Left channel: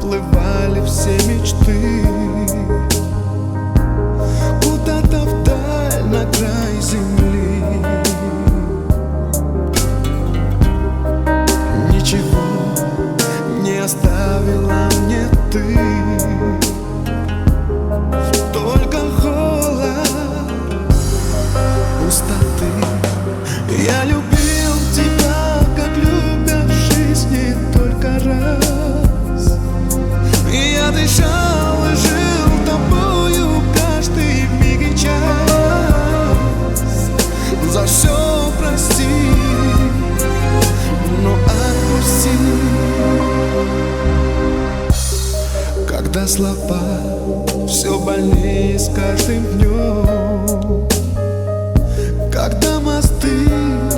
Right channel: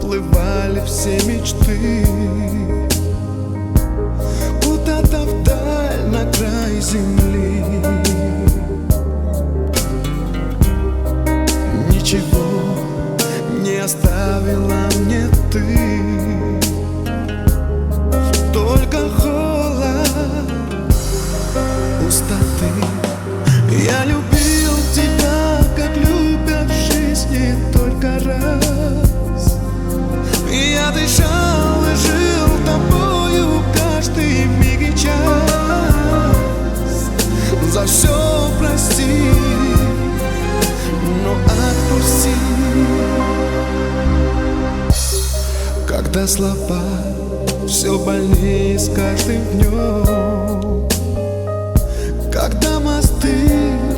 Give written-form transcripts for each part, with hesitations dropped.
уплывали все мечты куда-то вдаль, на край земли. Ничего не оставила мне ты, только холод, пустоты. Я любил тебя, как любят в жизни только раз. И я дышал и жил тобою каждый миг и час. За все прости, но отпусти. Когда слова все больнее с каждым днем, когда мосты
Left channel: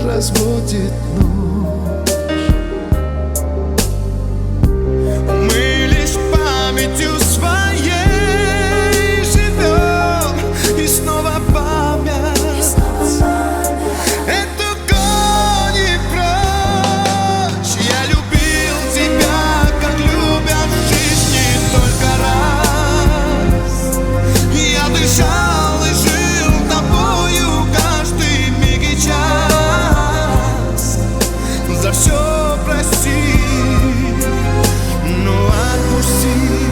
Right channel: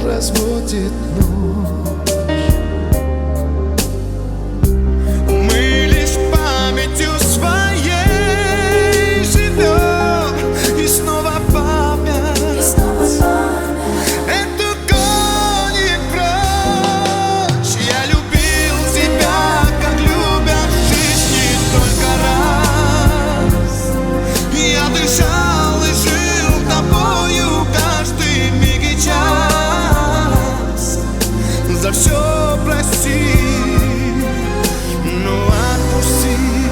разводит ночь, мы лишь памятью своей живем, и снова память эту гонит прочь. Я любил тебя, как любят в жизни только раз. Я дышал и жил тобою каждый миг и час. За все прости, но отпусти.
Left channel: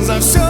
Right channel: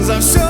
За все